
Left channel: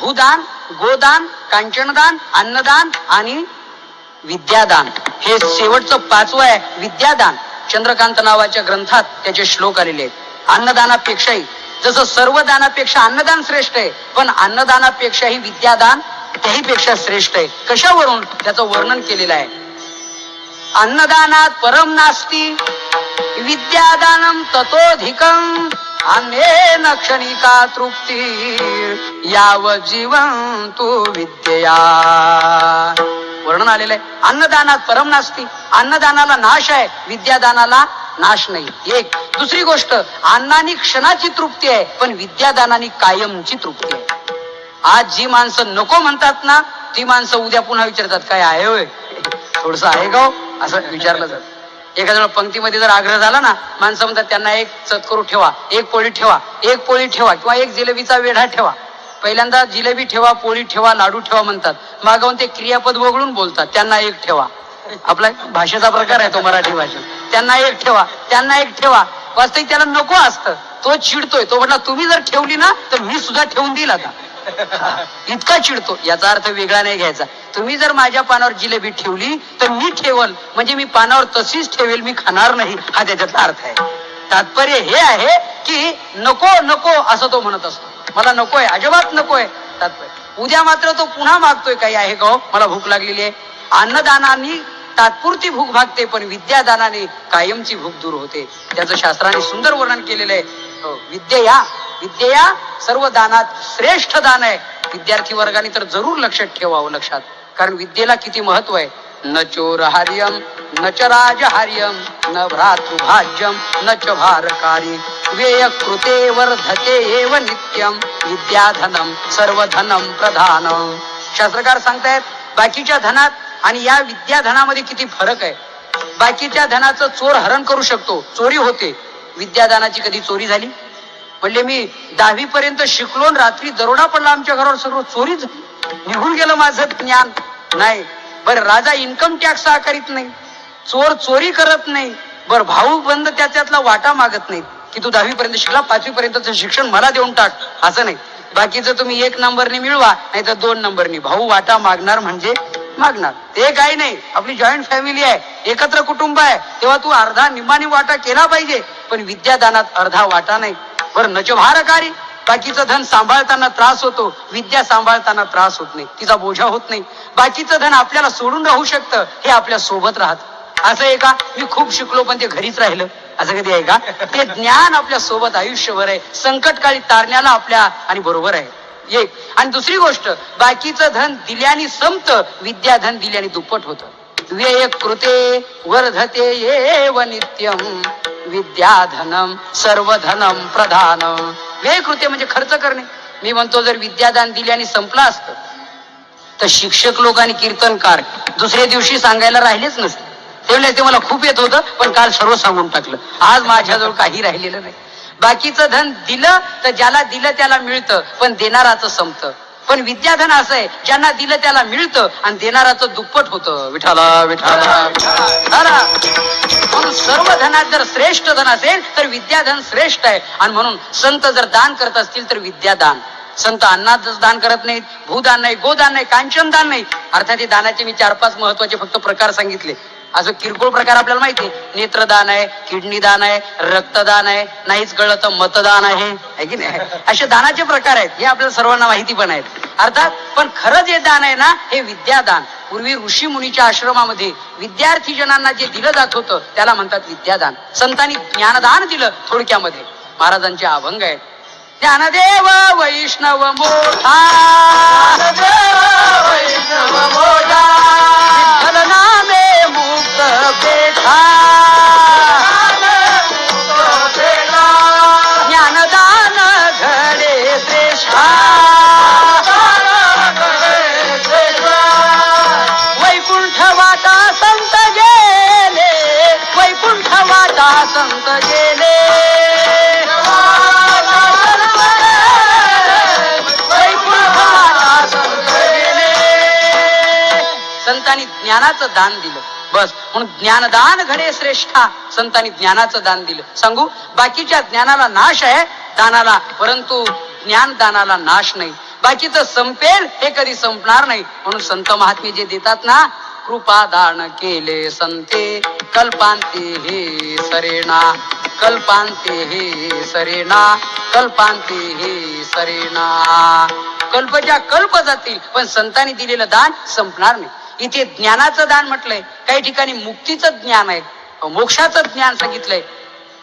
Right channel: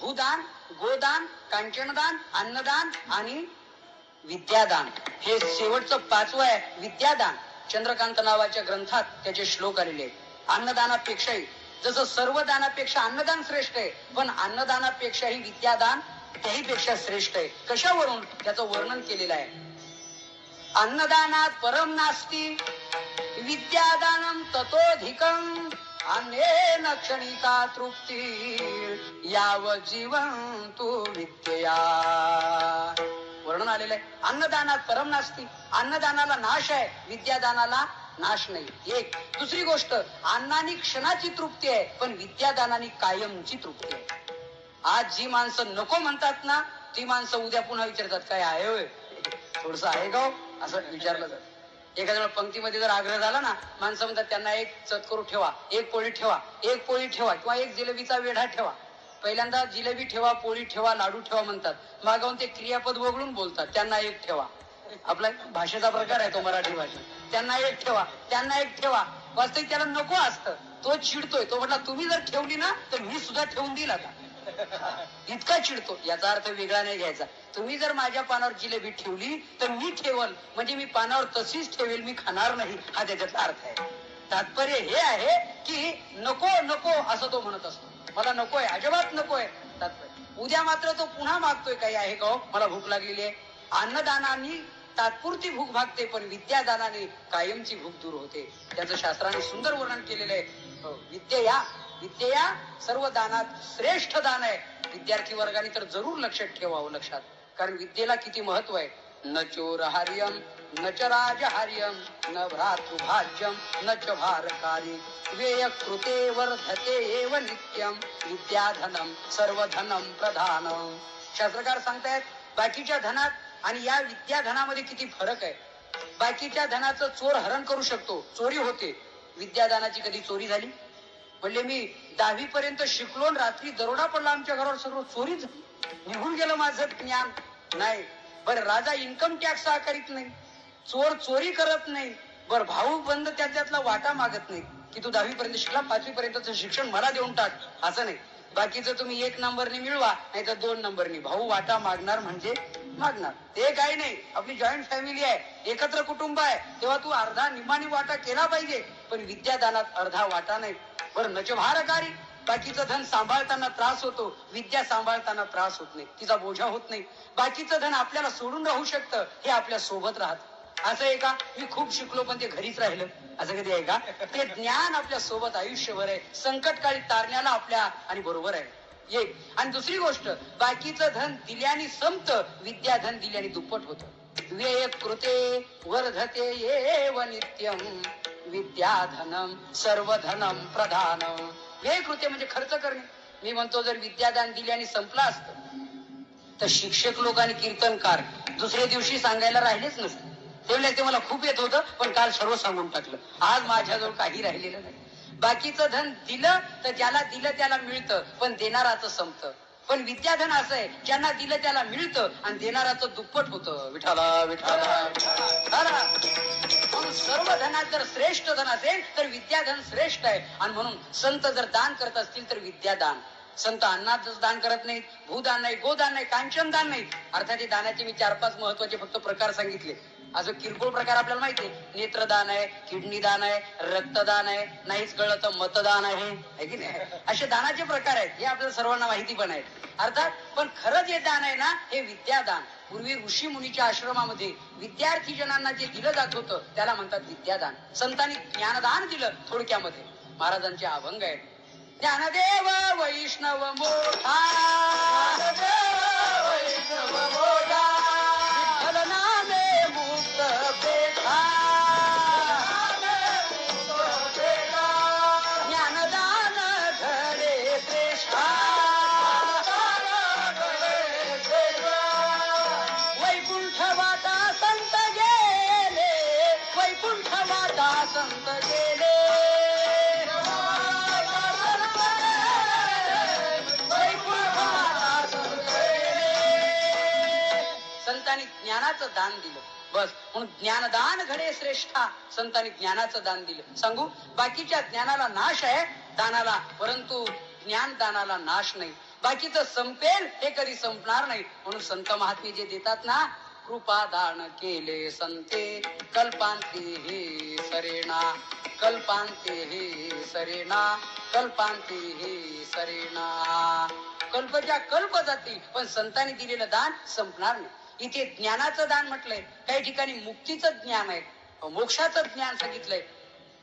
भूदान, गोदान, कांचनदान, अन्नदान आणि विद्यादान. हे शेवटचं 5वं आहे विद्यादान. चंद्रकांत नावाच्या ग्रंथात त्याचे श्लोक आलेले आहेत. अन्नदानापेक्षाही, जसं सर्व दानापेक्षा अन्नदान श्रेष्ठ आहे, पण अन्नदानापेक्षाही विद्यादान त्याहीपेक्षा श्रेष्ठ आहे. कशावरून? त्याचं वर्णन केलेलं आहे. अन्नदानात परम नास्ती विद्यादानम ततोधिकम, अन्येन क्षणिका तृप्ती याव जीवन तू विद्या. वर्णन आलेलं आहे. अन्नदानात परम नास्ती, अन्नदानाला नाश आहे, विद्यादानाला नाश नाही. एक. दुसरी गोष्ट, अन्नानी क्षणाची तृप्ती आहे, पण विद्यादानानी कायमची तृप्ती आहे. आज जी माणसं नको म्हणतात ना, ती माणसं उद्या पुन्हा विचारतात काय आहे होय, थोडस आहे का असं विचारलं जात. एखाद्या पंक्तीमध्ये जर आग्रह झाला ना, माणसं म्हणतात त्यांना एक सत्करू ठेवा, एक पोळी ठेवा, एक पोळी ठेवा, किंवा एक जिलेबीचा वेढा ठेवा. पहिल्यांदा जिलेबी ठेवा, पोळी ठेवा, लाडू ठेवा म्हणतात, मागवून ते क्रियापद वगळून बोलतात त्यांना एक ठेवा. आपला भाषेचा प्रकार आहे तो मराठी भाषेत. त्यांना एक ठेवा, त्यांना एक ठेवा. वास्तविक त्याला नको असतं, तो चिडतोय. तो म्हटला तुम्ही जर ठेवली ना तर मी सुद्धा ठेवून देईल आता. इतका चिडतो. याचा अर्थ वेगळा नाही घ्यायचा. तुम्ही जर माझ्या पानावर जिलेबी ठेवली तर मी ठेवल, म्हणजे मी पानावर तशीच ठेवेल, मी खाणार नाही, हा त्याच्यातला अर्थ आहे. तात्पर्य हे आहे की नको नको असं तो म्हणत असतो. मला नकोय, अजिबात नकोय. तात्पर्य उद्या मात्र तो पुन्हा मागतोय काही आहे का, मला भूक लागलेली आहे. अन्नदानाने तात्पुरती भूक भागते, पण विद्यादानाने कायमची भूक दूर होते. त्याचं शास्त्राने सुंदर वर्णन केलेलं आहे. विद्या, विद्या सर्व दानात श्रेष्ठ दान आहे. विद्यार्थी वर्गाने तर जरूर लक्षात ठेवावं, लक्षात. कारण विद्येला किती महत्व आहे. न चोरहार्यम न च राजहार्यम न भ्रातृभाज्यम न च भारकारी व्यय कृते वर्धते एव नित्यम विद्याधनम सर्वधनम प्रधानम. शास्त्रकार सांगतायत बाकीच्या धनात आणि या विद्याधनामध्ये किती फरक आहे. बाकीच्या धनाचं चोर हरण करू शकतो, चोरी होते. विद्यादानाची कधी चोरी झाली? म्हणले मी 10वी पर्यंत शिकलो, रात्री दरोडा पडला आमच्या घरावर, सगळं चोरीच निघून गेलं माझं ज्ञान. नाही. बरं, राजा इन्कम टॅक्स आकारित नाही, चोर चोरी करत नाही. बरं, भाऊ बंद त्याच्यातला वाटा मागत नाही की तू 10वी पर्यंत शिकला, 5वी पर्यंतचं शिक्षण मला देऊन टाक, असं नाही. बाकीचं तुम्ही 1 नंबरनी मिळवा, नाही तर 2 नंबरनी. भाऊ वाटा मागणार म्हणजे मागणार. ते काही नाही, आपली जॉईंट फॅमिली आहे, एकत्र कुटुंब आहे, तेव्हा तू अर्धा निम्मानी वाटा केला पाहिजे. पण विद्यादानात अर्धा वाटा नाही. बरं, नच भारकारी, बाकीचं धन सांभाळताना त्रास होतो, विद्या सांभाळताना त्रास होत नाही, तिचा बोझा होत नाही. बाकीचं धन आपल्याला सोडून राहू शकतं, हे आपल्या सोबत राहत. असं आहे का मी खूप शिकलो पण ते घरीच राहिलं, असं कधी आहे का? ते ज्ञान आपल्या सोबत आयुष्यभर आहे, संकटकाळी तारण्याला आपल्या आणि बरोबर आहे. एक. आणि दुसरी गोष्ट, बाकीचं धन दिल्याने संपत, विद्याधन दिल्याने दुप्पट होतं. व्यय कृते वर्धते एव नित्यम विद्याधनम सर्वधनम प्रधानम. व्यय कृते म्हणजे खर्च करणे. मी म्हणतो जर विद्यादान दिल्याने संपलं असतं तर शिक्षक लोक आणि कीर्तनकार दुसऱ्या दिवशी सांगायला राहिलेच नसते. ते मला खूप येत होतं पण काल सर्व सांगून टाकलं. आज माझ्याजवळ काही राहिलेलं नाही. बाकीचं धन दिलं तर ज्याला दिलं त्याला मिळतं, पण देणाराचं संपतं. पण विद्याधन असं आहे, ज्यांना दिलं त्याला मिळतं आणि देणाराचं दुप्पट होतं. विठाला विठाला विठाला. म्हणून सर्व धनात जर श्रेष्ठ धन असेल तर विद्याधन श्रेष्ठ आहे. आणि म्हणून संत जर दान करत असतील तर विद्यादान. संत अन्नाचं दान करत नाहीत, भूदान नाही, गोदान नाही, कांचन दान नाही. अर्थात हे दानाचे मी 4-5 महत्वाचे फक्त प्रकार सांगितले. असं किरकोळ प्रकार आपल्याला माहिती आहे, नेत्रदान आहे, किडनी दान आहे, रक्तदान आहे, नाहीच कळलं तर मतदान आहे की नाही. असे दानाचे प्रकार आहेत, हे आपल्याला सर्वांना माहिती पण आहेत. अर्थात पण खरं जे दान आहे ना, हे विद्यादान. पूर्वी ऋषी मुनीच्या आश्रमामध्ये विद्यार्थी जनांना जे दिलं जात होतं त्याला म्हणतात विद्यादान. संतांनी ज्ञानदान दिलं. थोडक्यामध्ये महाराजांचे अभंग आहे. ज्ञानदेव वैष्णव मोठा, वैष्णव मोठा, विठ्ठल नामे मुक्त पेठा, ज्ञानदान घडे श्रेष्ठा, वैकुंठ वाटा संत गेले, वैकुंठ वाटा संत गेले, संतांनी ज्ञानाचं दान दिलं. बस म्हणून ज्ञानदान घडे श्रेष्ठा. संतांनी ज्ञानाचं दान दिलं. सांगू, बाकीच्या ज्ञानाला नाश आहे दानाला, परंतु ज्ञानदानाला नाश नाही. बाकीचं संपेल, हे कधी संपणार नाही. म्हणून संत महात्मे जे देतात ना, कृपा दान केले संते कल्पांते हे सरेना, कल्पांते हे सरेना, कल्पांते हे सरेना. कल्पच्या कल्प जातील पण संतांनी दिलेलं दान संपणार नाही. इथे ज्ञानाचं दान म्हटलंय, काही ठिकाणी मुक्तीचं ज्ञान आहे, मोक्षाचं ज्ञान सांगितलंय.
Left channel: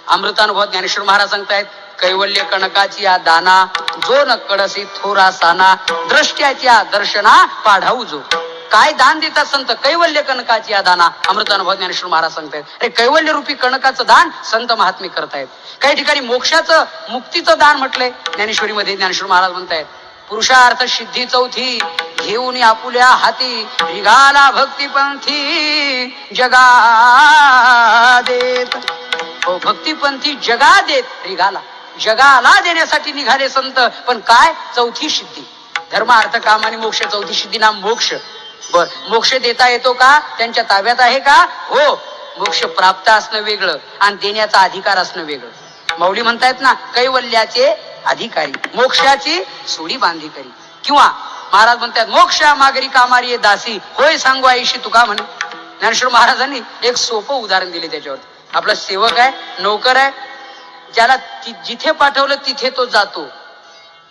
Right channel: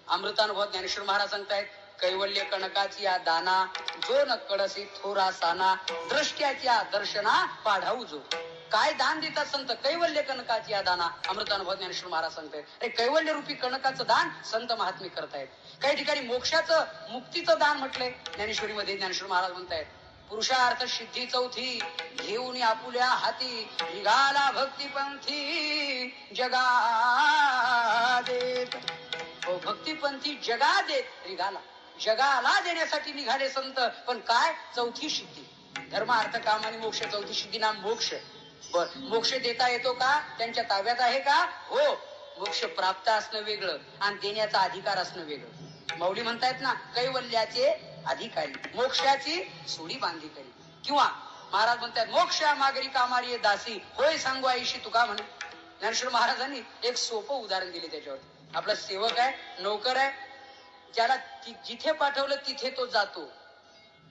अमृतानुभव ज्ञानेश्वर महाराज सांगतायत, कैवल्य कणकाची या दाना जो न कडसे थोरा साना, द्रष्ट्याच्या दर्शना पाढाऊ जो. काय दान देतात संत? कैवल्य कणकाची या दाना. अमृतानुभव ज्ञानेश्वर महाराज सांगतायत, अरे कैवल्य रूपी कणकाचं दान संत महात्मे करतायत. काही ठिकाणी मोक्षाचं मुक्तीचं दान म्हटलंय ज्ञानेश्वरीमध्ये. ज्ञानेश्वर महाराज म्हणतायत, पुरुषार्थ सिद्धी चौथी घेऊन आपुल्या हाती, निघाला भक्तिपंथी जगा देत. भक्तिपंथी जगा देत निघाला, जगाला देण्यासाठी निघाले संत. पण काय? चौथी सिद्धी, धर्म अर्थ काम आणि मोक्ष. चौथी सिद्धी नाम मोक्ष. बर, मोक्ष देता येतो का? त्यांच्या ताब्यात आहे का? हो. मोक्ष प्राप्त असणं वेगळं आणि देण्याचा अधिकार असणं वेगळं. माऊली म्हणतायत ना, कैवल्याचे अधिकारी, मोक्षाची सोडी बांधी करी. किंवा महाराज म्हणतात, मोक्षा मागरी कामारी दासी, होय सांगू आईशी तुका म्हणे. ज्ञानेश्वर महाराजांनी एक सोपं उदाहरण दिले त्याच्यावर. आपला सेवक आहे, नोकर आहे, ज्याला जिथे पाठवलं तिथे तो जातो.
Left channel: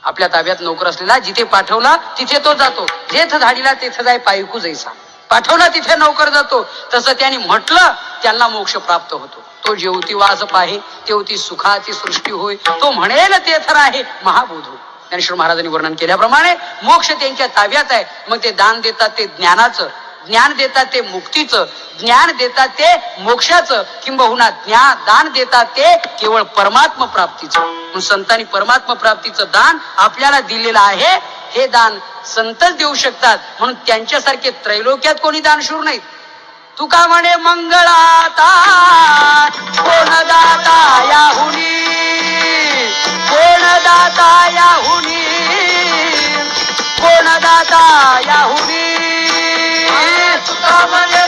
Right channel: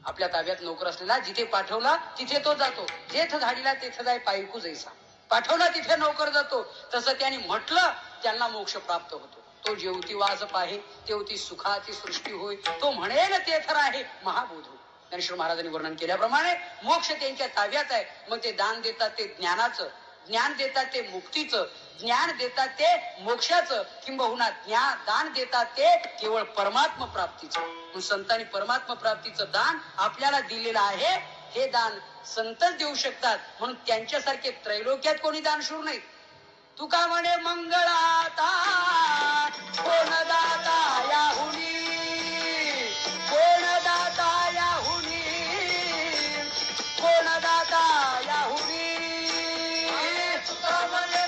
आपल्या ताब्यात नोकर असलेला जिथे पाठवला तिथे तो जातो. जेथ धाडीला तेथ जाय पायकू जैसा. पाठवला तिथे नोकर जातो. तसं त्यांनी म्हटलं त्यांना मोक्ष प्राप्त होतो. तो जेवती वास पाहे तेवती सुखाची सृष्टी होय, तो म्हणेल तेथ राहे महाबोधो. ज्ञानेश्वर महाराजांनी वर्णन केल्याप्रमाणे मोक्ष त्यांच्या ताब्यात आहे. मग ते दान देतात ते ज्ञानाचं. ज्ञान देतात ते मुक्तीचं, ज्ञान देतात ते मोक्षाचं, किंबहुना दान देतात ते केवळ परमात्मा प्राप्तीचं. म्हणून संतांनी परमात्मा प्राप्तीचं दान आपल्याला दिलेलं आहे. हे दान संतच देऊ शकतात, म्हणून त्यांच्यासारखे त्रैलोक्यात कोणी दानशूर नाहीत. तुका म्हणे मंगळाता कोण दाता याहुनी, कोण दाता याहुनी, कोण दाता याहुनी. तुका म्हणे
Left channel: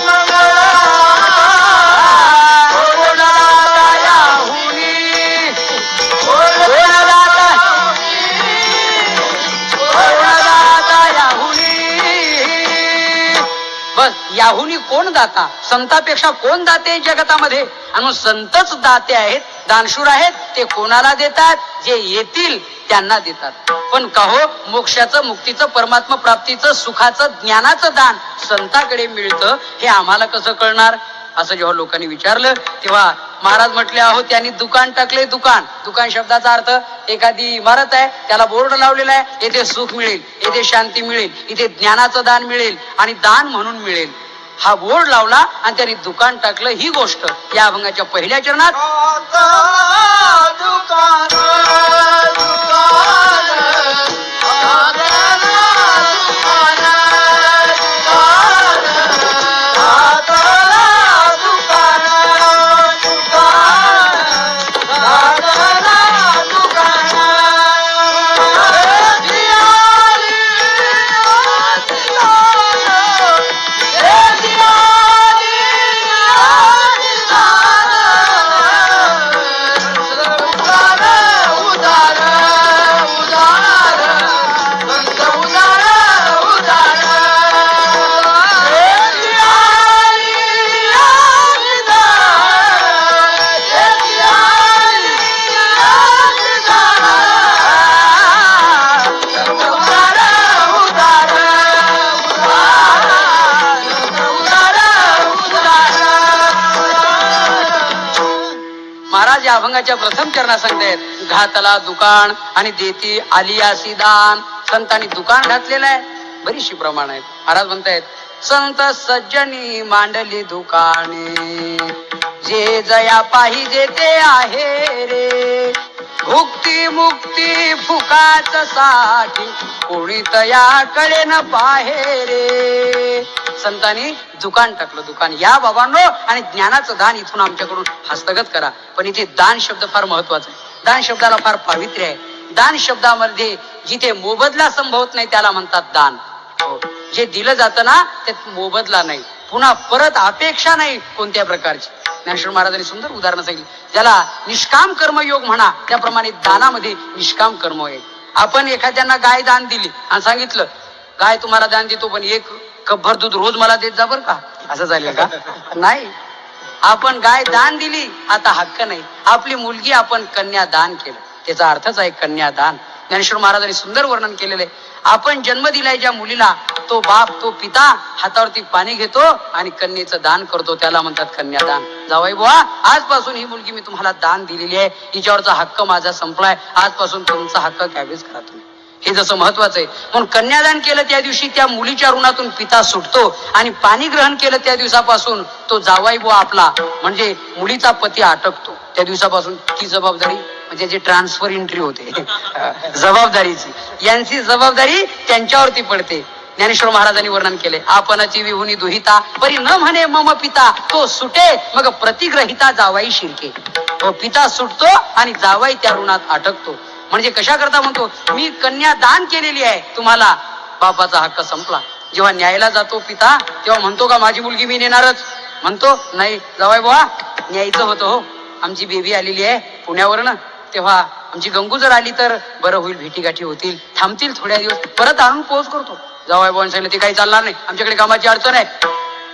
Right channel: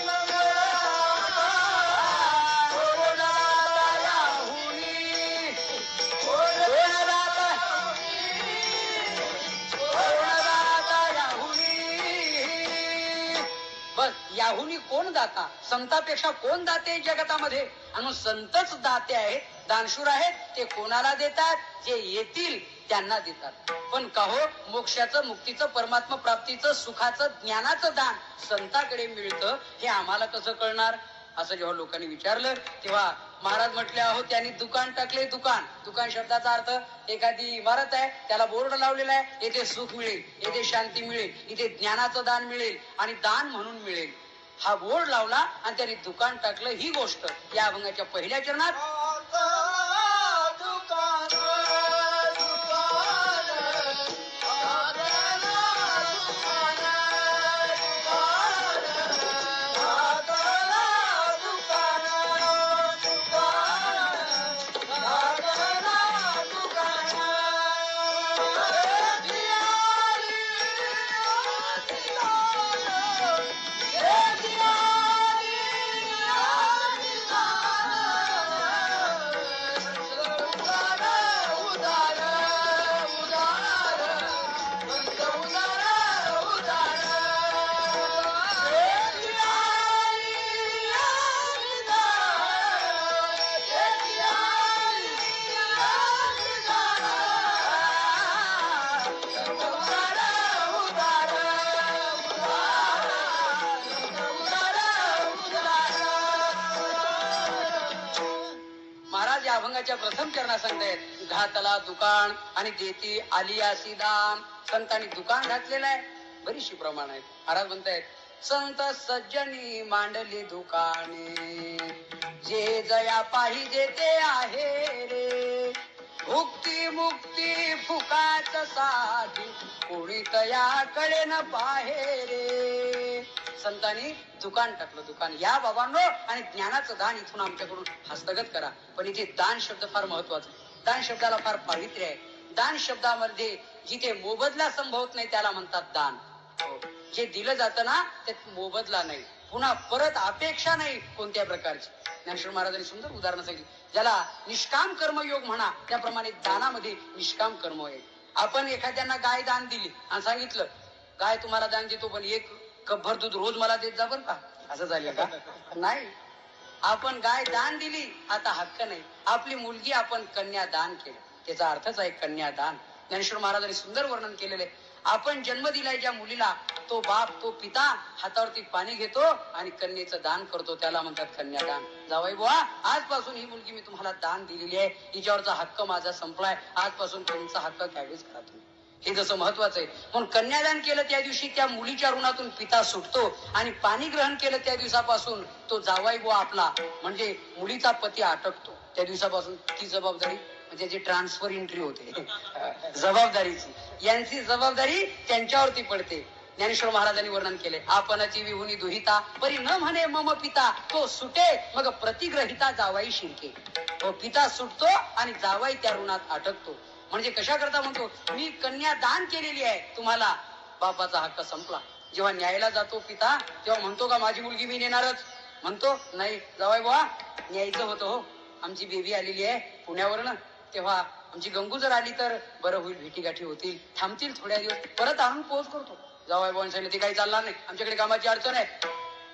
याहुनी कोण दाता, संतापेक्षा कोण दाते जगतामध्ये. आणि संतच दाते आहेत, दानशूर आहेत. ते कोणाला देतात? जे येतील त्यांना देतात. पण का हो, मोक्षाचं, मुक्तीचं, परमात्मा प्राप्तीचं, सुखाचं, ज्ञानाचं दान संताकडे मिळतं हे आम्हाला कसं कळणार? असं जेव्हा लोकांनी विचारलं तेव्हा महाराज म्हटले, अहो त्यांनी दुकान टाकले. दुकान, दुकान शब्दाचा अर्थ एखादी इमारत आहे, त्याला बोर्ड लावलेला आहे, येथे सुख मिळेल, येथे शांती मिळेल, इथे ज्ञानाचं दान मिळेल आणि दान म्हणून मिळेल. हा बोर्ड लावला आणि त्यांनी दुकान टाकलं. ही गोष्ट या अभंगाच्या पहिल्या चरणात अभंगाच्या प्रथम चरणात सांगतायत, घातला दुकान आणि देती आलियासी दान. संतांनी दुकान घातलेलं आहे, बरीचशी प्रमाण आहेत. महाराज म्हणतायत, संत सज्जनी मांडली दुकाने, जे जया पाहिजे ते आहे रे. भुक्ती मुक्ती फुकाच साठी, कोणी तयाकडे न पाहे रे. संतांनी दुकान टाकलं. दुकान या बाबांनो, आणि ज्ञानाचं दान इथून आमच्याकडून हस्तगत करा. पण इथे दान शब्द फार महत्वाचा आहे. दान शब्दाला फार पावित्र्य आहे. दान शब्दामध्ये जिथे मोबदला संभवत नाही त्याला म्हणतात दान. जे दिलं जातं ना त्यात मोबदला नाही, पुन्हा परत अपेक्षा नाही कोणत्या प्रकारची. ज्ञानेश्वर महाराजांनी सुंदर उदाहरण सांगितलं. ज्याला निष्काम कर्मयोग म्हणा, त्याप्रमाणे दानामध्ये निष्काम कर्म आहे. आपण एखाद्यांना गाय दान दिली आणि सांगितलं, गाय तुम्हाला दान देतो पण एक कपभर दूध रोज मला देत जा बर का, असं झालं का? नाही. आपण गाय दान दिली, आता हक्क नाही. आपली मुलगी आपण कन्या दान केलं, त्याचा अर्थच आहे कन्यादान. ज्ञानेश्वर महाराजांनी सुंदर वर्णन केलेलं आहे. आपण जन्म दिलाय ज्या मुलीला, तो बाप, तो पिता हातावरती पाणी घेतो आणि कन्येचं दान करतो, त्याला म्हणतात कन्यादान. जावई बुवा, आजपासून ही मुलगी मी तुम्हाला दान दिलेली आहे, हिच्यावरचा हक्क माझा संपलाय, आजपासून तुमचा हक्क कॅबेज करा तुम्ही. हे जसं महत्वाचं आहे. म्हणून कन्यादान केलं त्या दिवशी त्या मुलीच्या ऋणातून पिता सुटतो, आणि पाणी ग्रहण केलं त्या दिवसापासून तो जावाई बुवा आपला म्हणजे मुलीचा पती अटकतो. त्या दिवसापासून ती जबाबदारी म्हणजे जे ट्रान्सफर एंट्री होते जबाबदारीची, यांची जबाबदारी त्यांच्यावरती पडते. ज्ञानेश्वर महाराजांनी वर्णन केले, आपणाची विहुनी दुहिता परी न म्हणे मम पिता, तो सुटे मग प्रतिग्रहिता जावाई शिरके. तो पिता सुटतो आणि जावाई त्या ऋणात अटकतो. म्हणजे कशा करता म्हणतो, मी कन्या दान केलेली आहे तुम्हाला, बापाचा हक्क संपला. जेव्हा न्यायला जातो पिता तेव्हा म्हणतो का माझी मुलगी मी नेणारच? म्हणतो नाही जावाई बुवा, न्यायचं होतं हो, आमची बेबी आलेली आहे पुण्यावरनं, तेव्हा आमची गंगू जर आली तर बरं होईल, भेटीगाठी होतील, थांबतील थोड्या दिवस, परत आणून पोहोच करतो. जावाई बुवांनी सांगितलं ते काही चालणार नाही, आमच्याकडे कामाची अडचण आहे.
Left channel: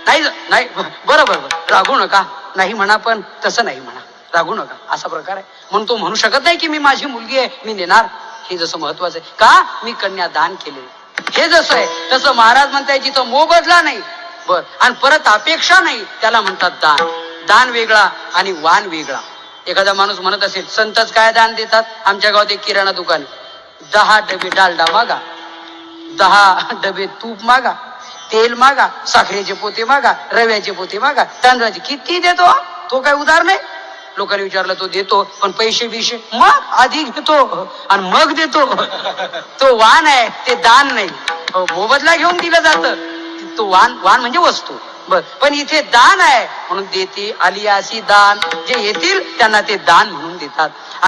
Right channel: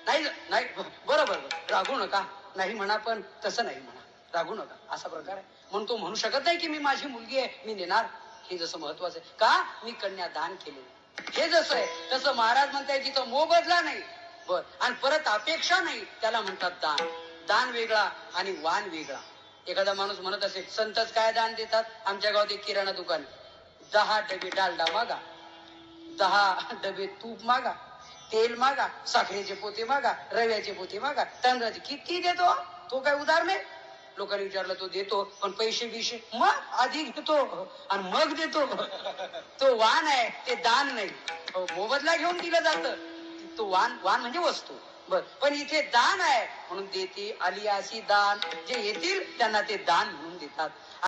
नाही नाही, बरं बरं बरं, रागू नका, नाही म्हणा पण तसं नाही म्हणा, रागू नका, असा प्रकार आहे. म्हणून तो म्हणू शकत नाही की मी माझी मुलगी आहे मी नेणार. हे जसं महत्वाचं आहे का, मी कन्या दान केले, हे जसं आहे तसं महाराज म्हणताय जिथं मोबदला नाही बर आणि परत अपेक्षा नाही त्याला म्हणतात दान. दान वेगळा आणि वाण वेगळा. एखादा माणूस म्हणत असेल संतच काय दान देतात, आमच्या गावात एक किराणा दुकान, 10 डबे डालडा मागा, 10 डबे तूप मागा, तेल मागा, साखरेचे पोते मागा, रव्याचे पोते मागा, तांदळाचे किती देतो तो काय उधार नाही. लोकांनी विचारलं तो देतो पण पैसे बिशे मग आधी घेतो आणि मग देतो. तो वाण आहे ते दान नाही. मोबदला घेऊन दिलं जातं. तो वाण म्हणजे वस्तू बर, पण इथे दान आहे म्हणून देते आली अशी दान. जे येतील त्यांना ते दान म्हणून देतात.